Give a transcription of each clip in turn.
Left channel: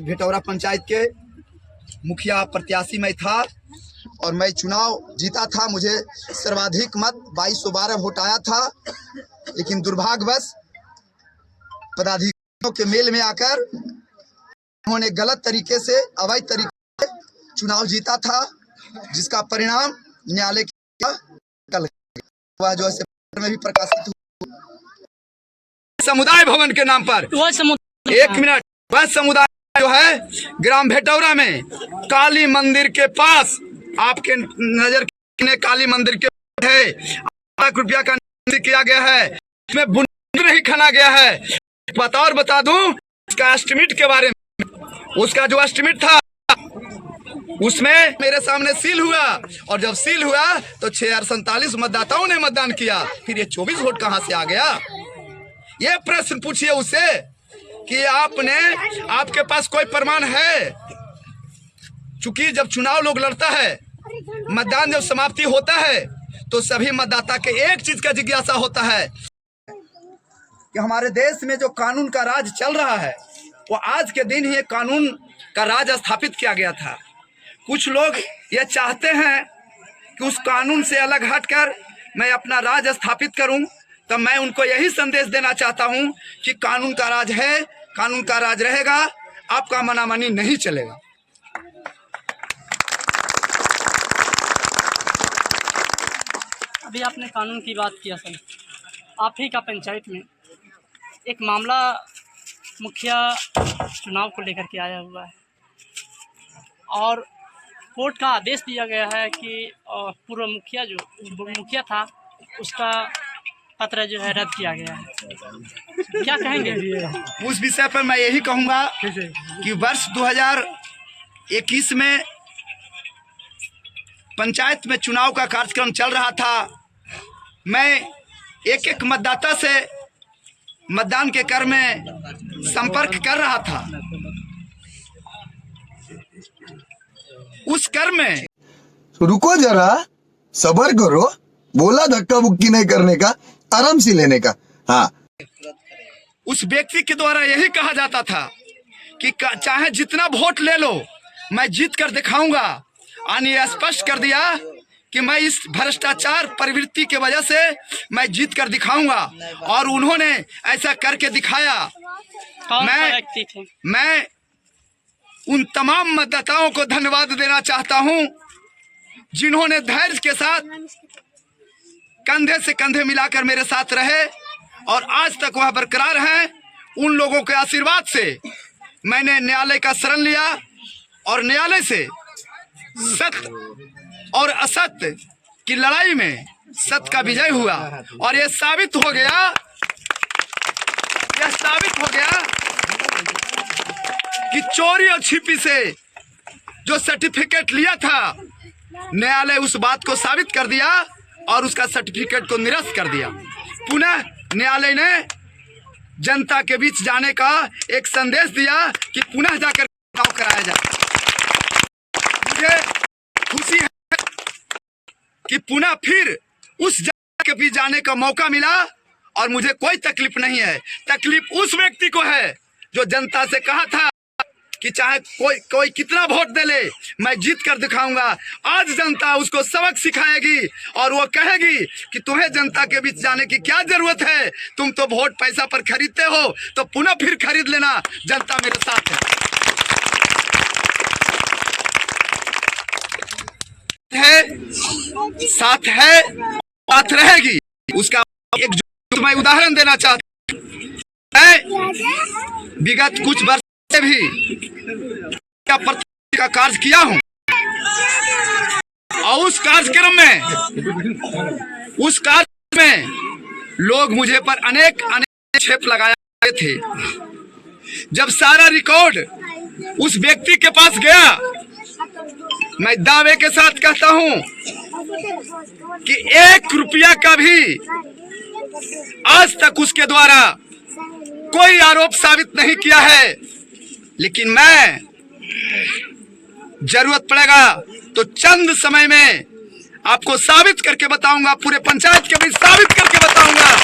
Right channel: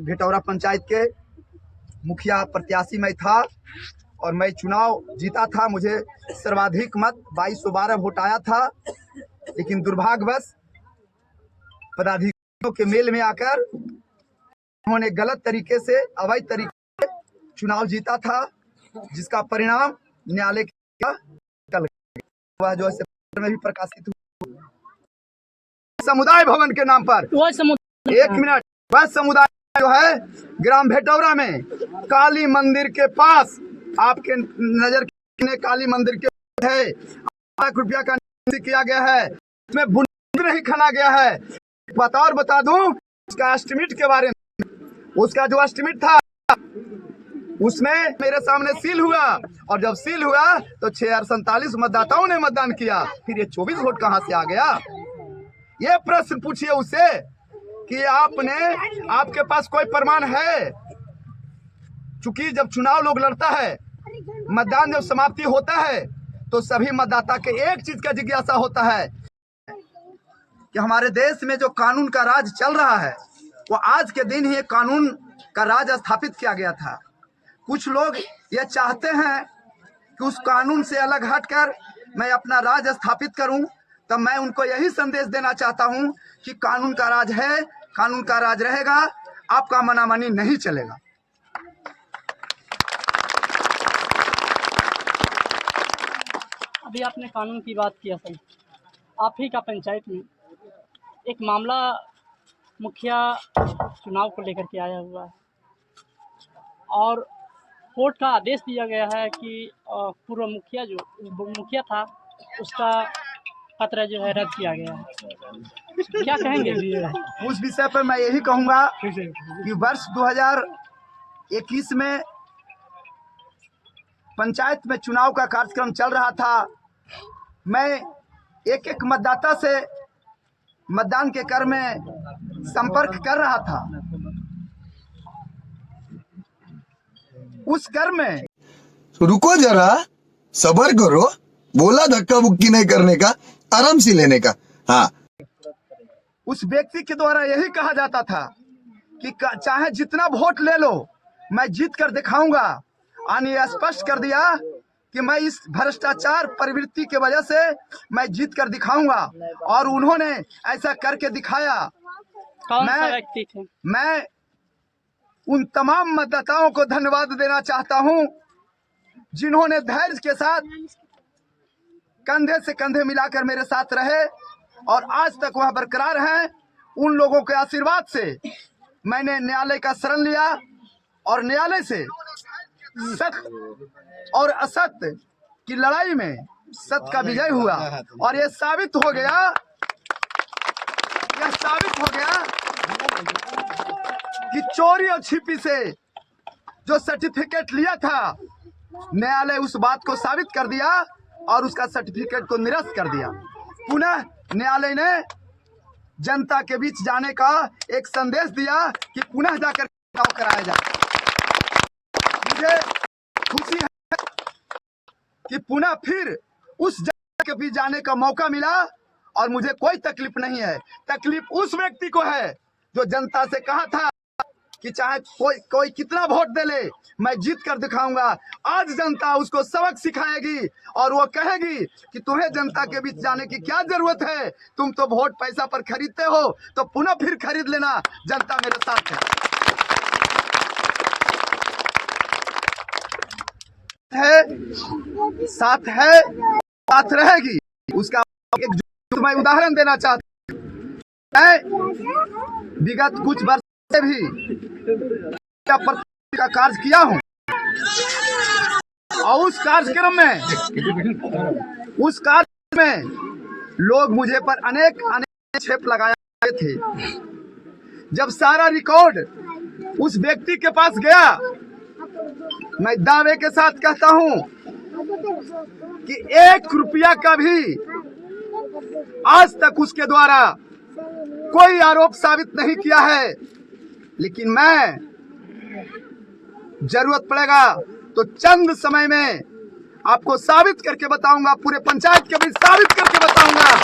भेटौरा पंचायत के मुखिया प्रत्याशी मैं था और मैं चुनाव जीता था। मुझे सर्वाधिक मत 2212 वोट आया था, लेकिन दुर्भाग्यवश पदाधिकारियों के मेल में आकर उन्होंने गलत तरीके से, अवैध तरीके से चुनाव जीता था, जिसका परिणाम न्यायालय का कल हुआ, जो ऐसे में भी प्रकाशित हुआ। समुदाय भवन के नाम पर एक मिनट, वह समुदाय जो है ग्राम भेटौरा में काली मंदिर के पास, आपके नजर के काली मंदिर के है, ₹1 का किया गया है, इसमें बुनियाद नहीं खना गया है। बता दूं इसका एस्टिमेट के बारे में। उसका जो एस्टिमेट था उसमें मेरे सामने सील हुआ, और जब सील हुआ तो 6047 मतदाताओं ने मतदान किया। फिर ये 24 वोट कहां से आ गया? ये प्रश्न पूछिए उससे कि आपके पास कोई प्रमाण है? चूंकि जब चुनाव लोग लड़ता है, मतदान जब समाप्ति होता है, तो सभी मतदाता के एक चीज का जिज्ञासा होता है कि हमारे देश में जो कानून का राज चल रहा है, वो आज के दिन ही कानून का राज स्थापित किया गया था। कुछ लोग ये चाहते हैं कि उस कानून से अलग हटकर मैं अपना राज स्थापित करूं, तो मैं उनको यही संदेश देना चाहता हूं कि कानून का राज है, कानून का राज रहेगा, आपका मनामानी नहीं चलेगा। अभी आपने कानून की बात किया सर, आप ही का पंचायत में एक मामला मुखिया चुनाव को लेकर के आया हुआ है और कोर्ट का आदेश दिया गया है कि पूर्व मुखिया जो मुखिया था उसका पत्र जो है रद्द किया गया है। क्या कहेंगे उस विषय पर? मैं यही कहूँगा कि वर्ष 2021 में पंचायत में चुनाव का कार्यक्रम चल रहा था। मैं एक मतदाता से मतदान के क्रम में संपर्क कर रहा था। उस क्रम में रुको जरा, सब्र करो, बोला धक्का बुक्की नहीं करने का, आराम से लेने का। हाँ, उस व्यक्ति के द्वारा यही कहा जाता था कि चाहे जितना वोट ले लो, मैं जीत कर दिखाऊंगा। यानी स्पष्ट कर दिया कि मैं इस भ्रष्टाचार प्रवृत्ति के वजह से मैं जीत कर दिखाऊंगा, और उन्होंने ऐसा करके दिखाया। मैं उन तमाम मतदाताओं को धन्यवाद देना चाहता हूं जिन्होंने धैर्य के साथ कंधे से कंधे मिलाकर मेरे साथ रहे और आज तक वह बरकरार हैं। उन लोगों के आशीर्वाद से मैंने न्यायालय का शरण लिया और न्यायालय से सत्य और असत्य की लड़ाई में सत्य का विजय हुआ, और यह साबित हो गया कि चोरी और छिपी से जो सर्टिफिकेट लिया था, न्यायालय उस बात को साबित कर दिया और उसका सर्टिफिकेट को निरस्त कर दिया। पुनः न्यायालय ने जनता के बीच जाने का एक संदेश दिया कि पुनः जाकर चुनाव कराया जाए। मुझे खुशी है कि पुनः फिर उस जनता के बीच जाने का मौका मिला, और मुझे कोई तकलीफ नहीं है। तकलीफ उस व्यक्ति को है जो जनता से कहा था कि चाहे कोई कितना वोट दे ले, मैं जीत कर दिखाऊंगा। आज जनता उसको सबक सिखाएगी और वो कहेगी कि तुम्हें जनता के बीच जाने की क्या जरूरत है, तुम तो वोट पैसा पर खरीदते हो, तो पुनः फिर खरीद लेना, जनता मेरे साथ साथ है, साथ रहेगी। उसका एक मैं उदाहरण देना चाहता हूं। मैं विगत कुछ वर्ष से भी का कार्य किया हूं, और उस कार्यक्रम में लोग मुझे पर अनेक आक्षेप लगाए थे। जब सारा रिकॉर्ड उस व्यक्ति के पास गया, मैं दावे के साथ कहता हूं कि ₹1 का भी आज तक उसके द्वारा कोई आरोप साबित नहीं किया है। लेकिन मैं जरूरत पड़ेगा तो चंद समय में आपको साबित करके बताऊंगा, पूरे पंचायत के बीच साबित करके बताऊंगा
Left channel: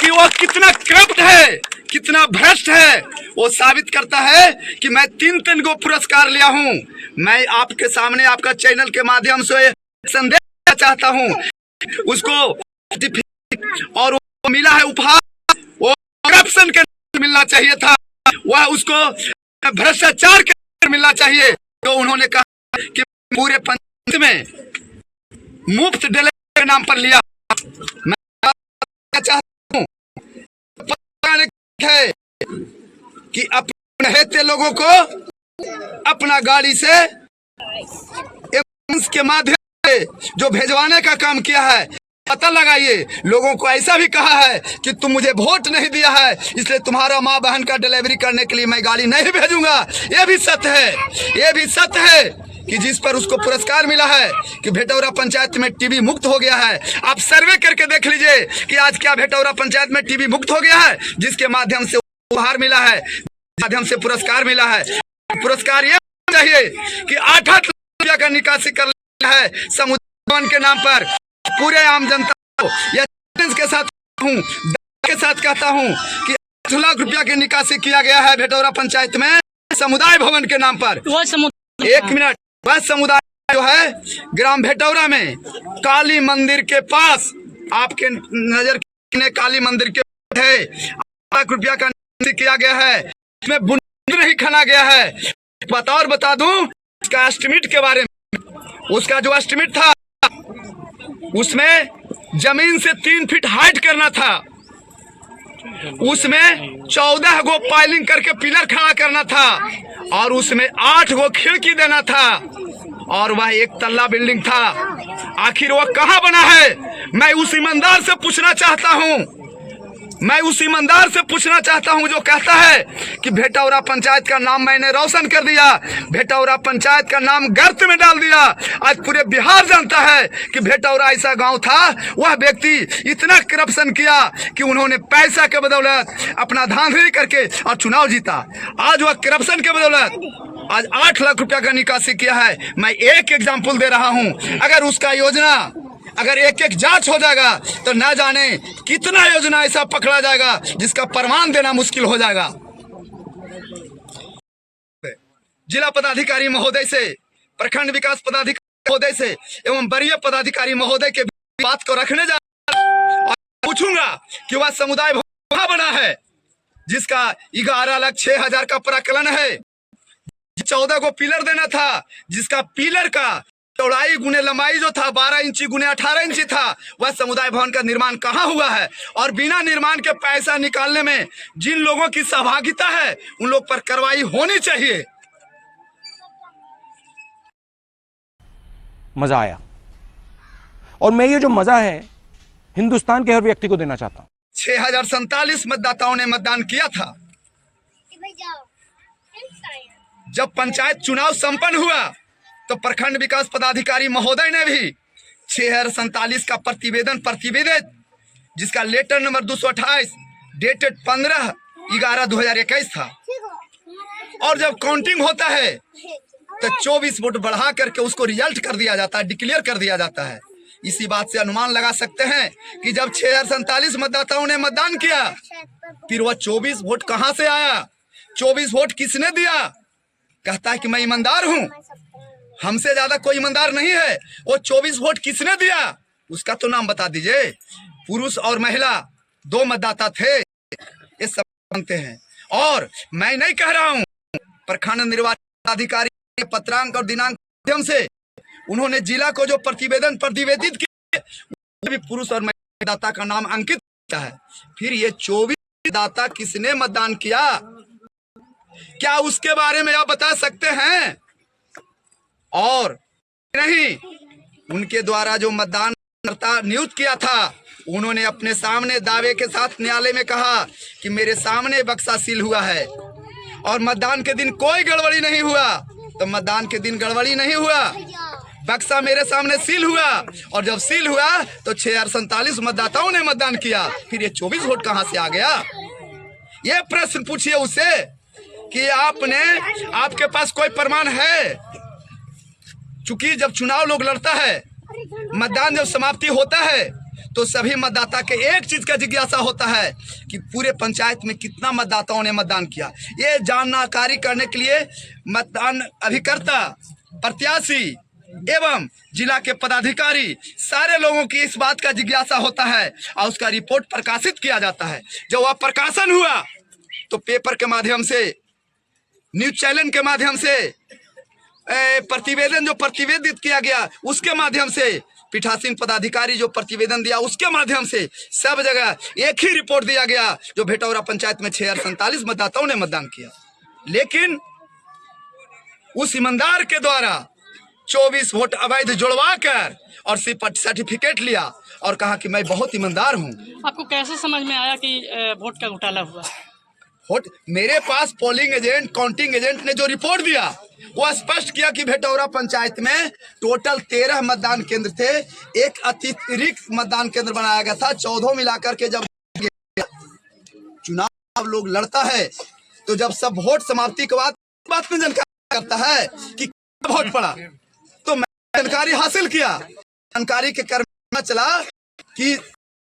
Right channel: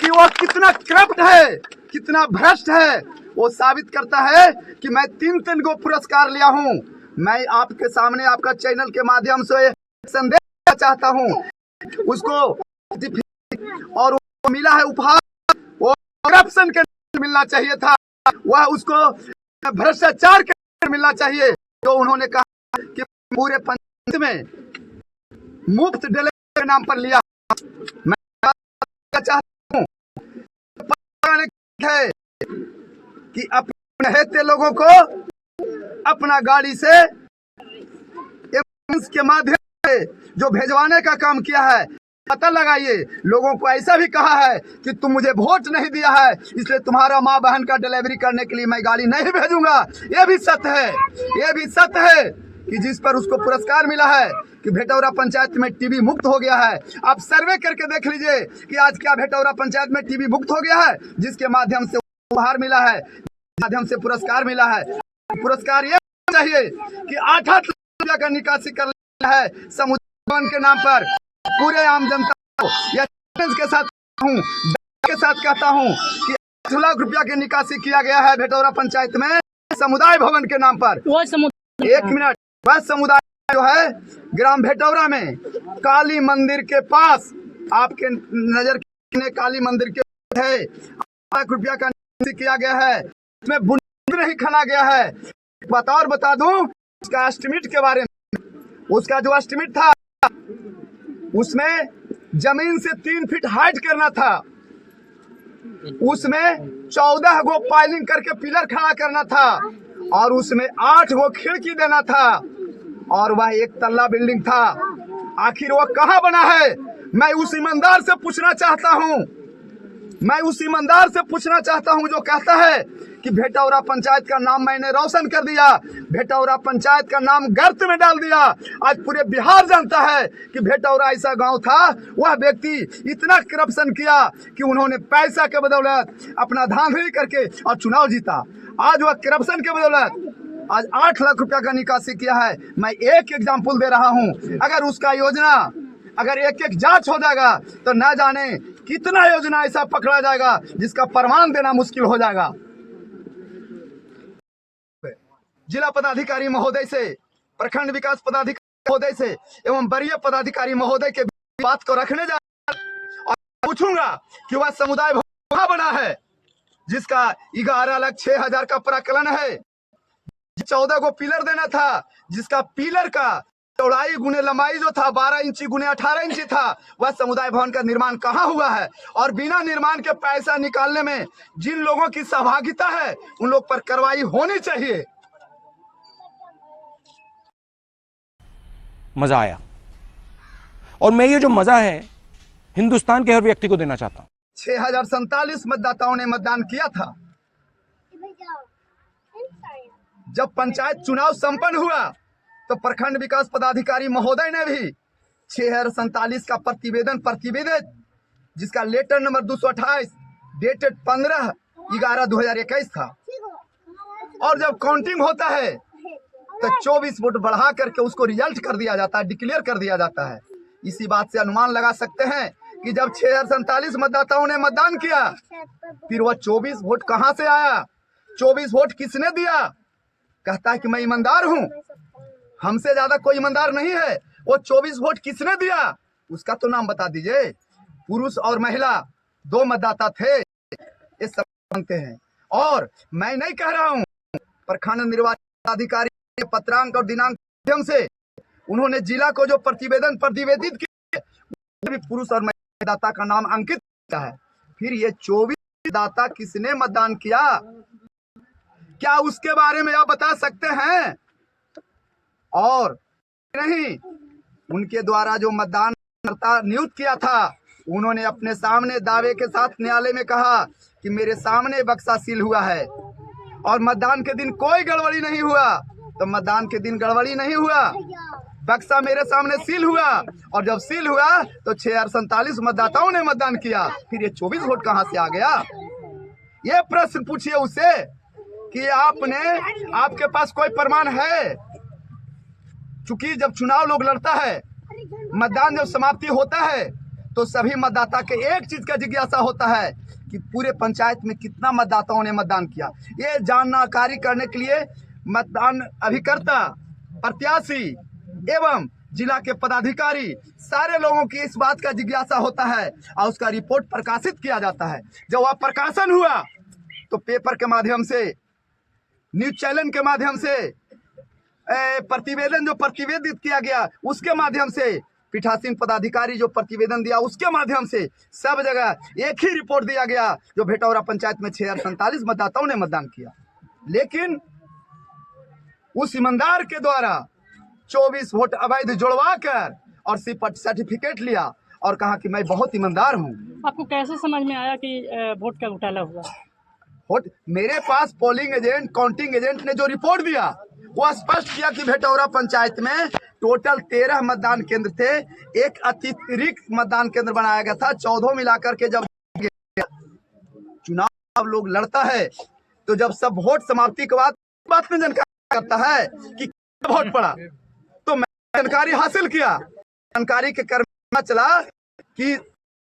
कि वो कितना करप्ट है, कितना भ्रष्ट है वो साबित करता है कि मैं 3 गो पुरस्कार लिया हूँ। मैं आपके सामने आपका चैनल के माध्यम से संदेश देना चाहता हूँ, उसको और वो मिला है उपहार, वो करप्शन के मिलना चाहिए था, वह उसको भ्रष्टाचार के मिलना चाहिए। तो उन्होंने कहा कि पूरे पंचायत में मुफ्त डिलीवरी के नाम पर लिया। मैं चाहता हूँ है कि अपने हेते लोगों को अपना गाड़ी से एम्बुलेंस के माध्यम से जो भेजवाने का काम किया है, पता लगाइए। लोगों को ऐसा भी कहा है कि तुम मुझे वोट नहीं दिया है, इसलिए तुम्हारा माँ बहन का डिलीवरी करने के लिए मैं गाड़ी नहीं भेजूंगा। ये भी सत्य है, ये भी सत्य है कि जिस पर उसको पुरस्कार मिला है कि भेटौरा पंचायत में टीबी मुक्त हो गया है। आप सर्वे करके देख लीजिए कि आज क्या भेटौरा पंचायत में टीबी मुक्त हो गया है, जिसके माध्यम से उपहार मिला है, माध्यम से पुरस्कार मिला है। पुरस्कार ये चाहिए कि 8 लाख रुपया का निकासी कर लिया है समुदाय के नाम पर। पूरे आम जनता को या के साथ कहता हूँ कि 8 लाख रुपया की निकासी किया गया है भेटौरा पंचायत में समुदाय भवन के नाम पर। 1 मिनट, वह समुदाय जो है ग्राम भेटौरा में काली मंदिर के पास, आपके नजर ने काली मंदिर के है 8 लाख रुपया का निकासी किया गया है, इसमें बुनियाद नहीं खना गया है। और बता दूं उसका एस्टिमेट के बारे में, उसका जो एस्टिमेट था उसमें जमीन से 3 फीट हाइट करना था, उसमें 14 गो पाइलिंग करके पिलर खड़ा करना था, और उसमें 8 गो खिड़की देना था, और वह 1 तल्ला बिल्डिंग था। आखिर वह कहाँ बना है? मैं उस ईमानदार से पूछना चाहता हूँ, मैं उस ईमानदार से पूछना चाहता हूं जो कहता है कि भेटौरा पंचायत का नाम मैंने रोशन कर दिया, भेटौरा पंचायत का नाम गर्त में डाल दिया। आज पूरे बिहार जानता है कि भेटौरा ऐसा गांव था, वह व्यक्ति इतना करप्शन किया कि उन्होंने पैसा के बदौलत अपना धांधली करके और चुनाव जीता। आज वह करप्शन के बदौलत आज 8 लाख रुपया का निकासी किया है। मैं एक एग्जाम्पल दे रहा हूँ, अगर उसका योजना अगर एक जांच हो जाएगा तो ना जाने कितना योजना ऐसा पकड़ा जाएगा जिसका प्रमाण देना मुश्किल हो जाएगा। जिला पदाधिकारी महोदय से, प्रखंड विकास पदाधिकारी महोदय से एवं वरीय पदाधिकारी महोदय के बात को रखने जा और पूछूंगा कि वह समुदाय कहाँ बना है जिसका 11,06,000 का प्राकलन है, 14 को पिलर देना था, जिसका पिलर का चौड़ाई गुने लंबाई जो था 12 इंची गुने 18 इंची था, वह समुदाय भवन का निर्माण कहाँ हुआ है? और बिना निर्माण के पैसा निकालने में जिन लोगों की सहभागिता है उन लोग पर कार्रवाई होनी चाहिए। मजा आया, और मैं ये जो मजा है हिंदुस्तान के हर व्यक्ति को देना चाहता हूं। 6047 मतदाताओं ने मतदान किया था। जब पंचायत चुनाव संपन्न हुआ तो प्रखंड विकास पदाधिकारी महोदय ने भी 6047 का प्रतिवेदित जिसका लेटर नंबर 228 डेटेड 15/11/2021 था, और जब काउंटिंग होता है तो 24 वोट बढ़ा करके उसको रिजल्ट कर दिया जाता है, डिक्लेयर कर दिया जाता है। इसी बात से अनुमान लगा सकते हैं कि जब 6047 मतदाताओं ने मतदान किया, फिर वह 24 वोट कहां से आया? 24 वोट किसने दिया? कहता है कि मैं ईमानदार हूं, हमसे ज्यादा कोई ईमानदार नहीं है। वो 24 वोट किसने दिया उसका तो नाम बता दीजिए। पुरुष और महिला 2 मतदाता थे, ये सब जानते हैं। और मैं नहीं कह रहा हूं, प्रखंड निर्वाचन अधिकारी के पत्रांक और दिनांक माध्यम से उन्होंने जिला को जो प्रतिवेदित किया भी पुरुष और महिला मतदाता का नाम अंकित किया है। फिर ये 24 मतदाता किसने मतदान किया, क्या उसके बारे में आप बता सकते हैं? और नहीं, उनके द्वारा जो मतदानकर्ता नियुक्त किया था उन्होंने अपने सामने दावे के साथ न्यायालय में कहा कि मेरे सामने बक्सा सील हुआ है, और मतदान के दिन कोई गड़बड़ी नहीं हुआ। तो मतदान के दिन गड़बड़ी नहीं हुआ, बक्सा मेरे सामने सील हुआ, और जब सील हुआ तो 6047 मतदाताओं ने मतदान किया। फिर ये 24 वोट कहां से आ गया? ये प्रश्न पूछिए उससे कि आपके पास कोई प्रमाण है? चूंकि जब चुनाव लोग लड़ता है, मतदान जब समाप्ति होता है तो सभी मतदाता के एक चीज का जिज्ञासा होता है कि पूरे पंचायत में कितना मतदाताओं ने मतदान किया। ये जानकारी करने के लिए मतदान अभिकर्ता, प्रत्याशी एवं जिला के पदाधिकारी सारे लोगों की इस बात का जिज्ञासा होता है और उसका रिपोर्ट प्रकाशित किया जाता है। जब वह प्रकाशन हुआ तो पेपर के माध्यम से, न्यूज चैनल के माध्यम से, प्रतिवेदन जो प्रतिवेदित किया गया उसके माध्यम से, पीठासीन पदाधिकारी जो प्रतिवेदन दिया उसके माध्यम से सब जगह एक ही रिपोर्ट दिया गया जो भेटौरा पंचायत में 6047 मतदाताओं ने मतदान किया। लेकिन उस ईमानदार के द्वारा 24 वोट अवैध जुड़वा कर और सिर्फ सर्टिफिकेट लिया और कहा कि मैं बहुत ईमानदार हूँ। आपको कैसे समझ में आया कि वोट का घोटाला हुआ? वोट मेरे पास पोलिंग एजेंट, काउंटिंग एजेंट ने जो रिपोर्ट दिया वो स्पष्ट किया कि भेटौरा पंचायत में टोटल 13 मतदान केंद्र थे, एक अतिरिक्त मतदान केंद्र बनाया गया था। 14 मिलाकर के जब चुनाव लोग लड़ता है तो जब सब वोट समाप्ति के बाद बात में जानकारी करता है कि वोट पड़ा, तो मैं जानकारी हासिल किया। जानकारी के क्रम में चला कि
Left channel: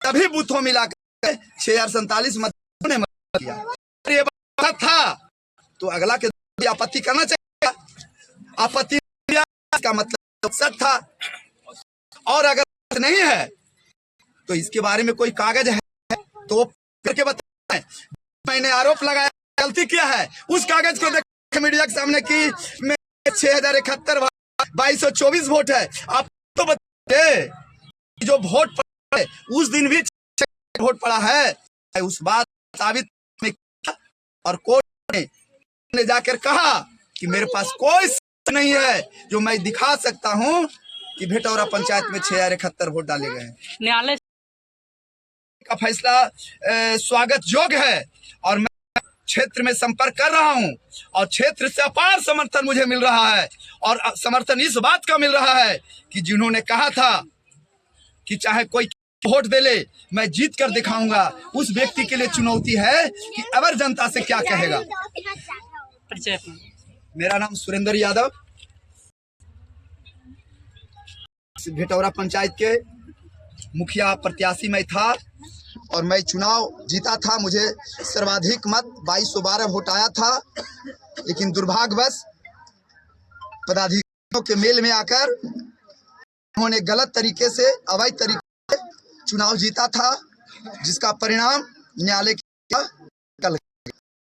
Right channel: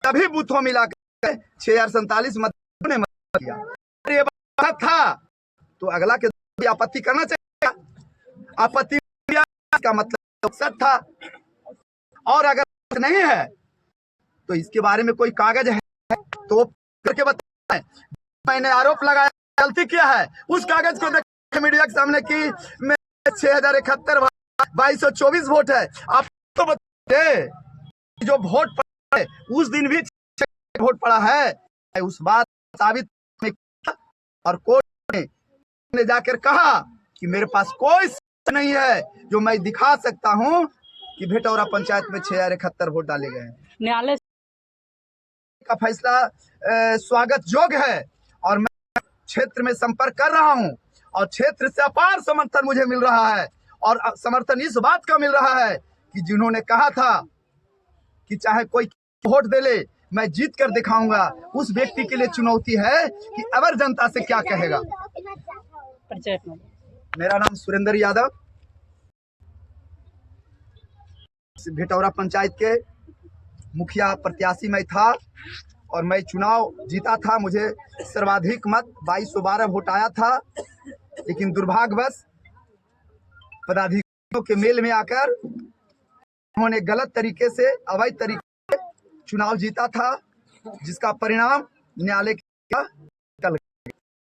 सभी बूथों मिलाकर 6047 मतदाताओं ने मत किया। ये बात था तो अगला के आपत्ति करना चाहिए। आपत्ति का मतलब सच था, और अगर नहीं है तो इसके बारे में कोई कागज है तो करके बताएं। मैंने आरोप लगाया, गलती किया है, उस कागज को देख मीडिया के सामने कि मैं 6071 2224 वोट है। आप तो बताइए जो वोट पड़ा है उस दिन भी वोट पड़ा है, उस बात साबित और कोर्ट ने जाकर कहा कि मेरे पास कोई नहीं है जो मैं दिखा सकता हूं कि भेटौरा पंचायत में 6071 वोट डाले गए हैं। न्यायालय का फैसला स्वागत योग्य है और मैं क्षेत्र में संपर्क कर रहा हूं और क्षेत्र से अपार समर्थन मुझे मिल रहा है। और समर्थन इस बात का मिल रहा है कि जिन्होंने कहा था कि चाहे कोई वोट दे ले मैं जीत कर दिखाऊंगा, उस व्यक्ति के लिए चुनौती है कि अवर जनता से क्या कहेगा। परिचय अपना। मेरा नाम सुरेंद्र यादव, भेटौरा पंचायत के मुखिया प्रत्याशी मैं था और मैं चुनाव जीता था। मुझे सर्वाधिक मत 2212 वोट आया था, लेकिन दुर्भाग्यवश पदाधिकारियों के मेल में आकर उन्होंने गलत तरीके से, अवैध तरीके से चुनाव जीता था, जिसका परिणाम न्यायालय का कल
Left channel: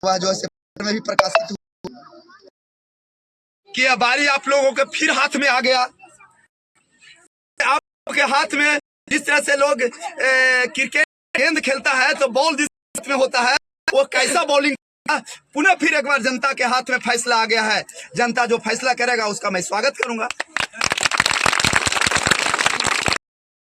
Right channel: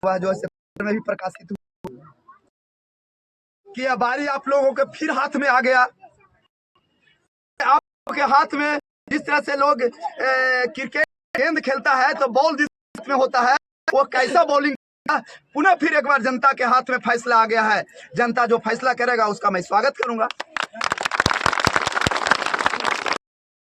वह जो है में भी प्रकाशित हुआ कि अब बारी आप लोगों के फिर हाथ में आ गया। आपके हाथ में जिस तरह से लोग क्रिकेट गेंद खेलता है तो बॉल जिस में होता है वो कैसा बॉलिंग, पुनः फिर एक बार जनता के हाथ में फैसला आ गया है। जनता जो फैसला करेगा उसका मैं स्वागत करूंगा।